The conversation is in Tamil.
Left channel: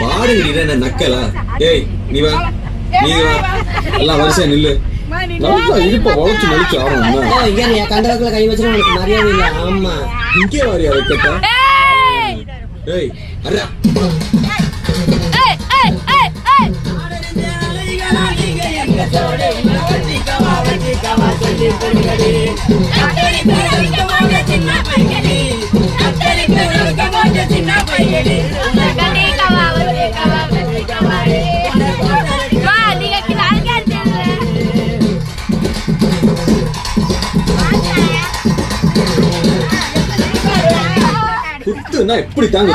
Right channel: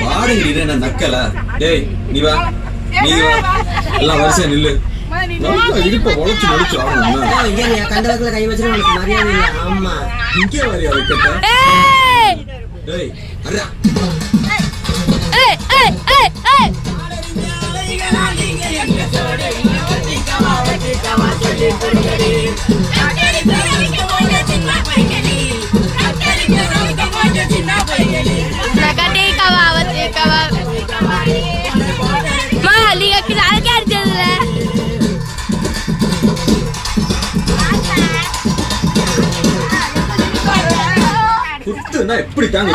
பாருங்க என்ன நக்கலா? டேய் நீ வா, நீ வா, எல்லாம் வரிசையா நில்லு. நல்லா இடுப்ப உழைச்சு நடிச்சு ஆகணும். கண்ட வக்கல கை வச்சு உனக்கு மரியாதை இல்லை. ஆமா இங்கே வரியா வைக்கட்டா? ஏய் அரா குத்துனா எப்படி தாங்க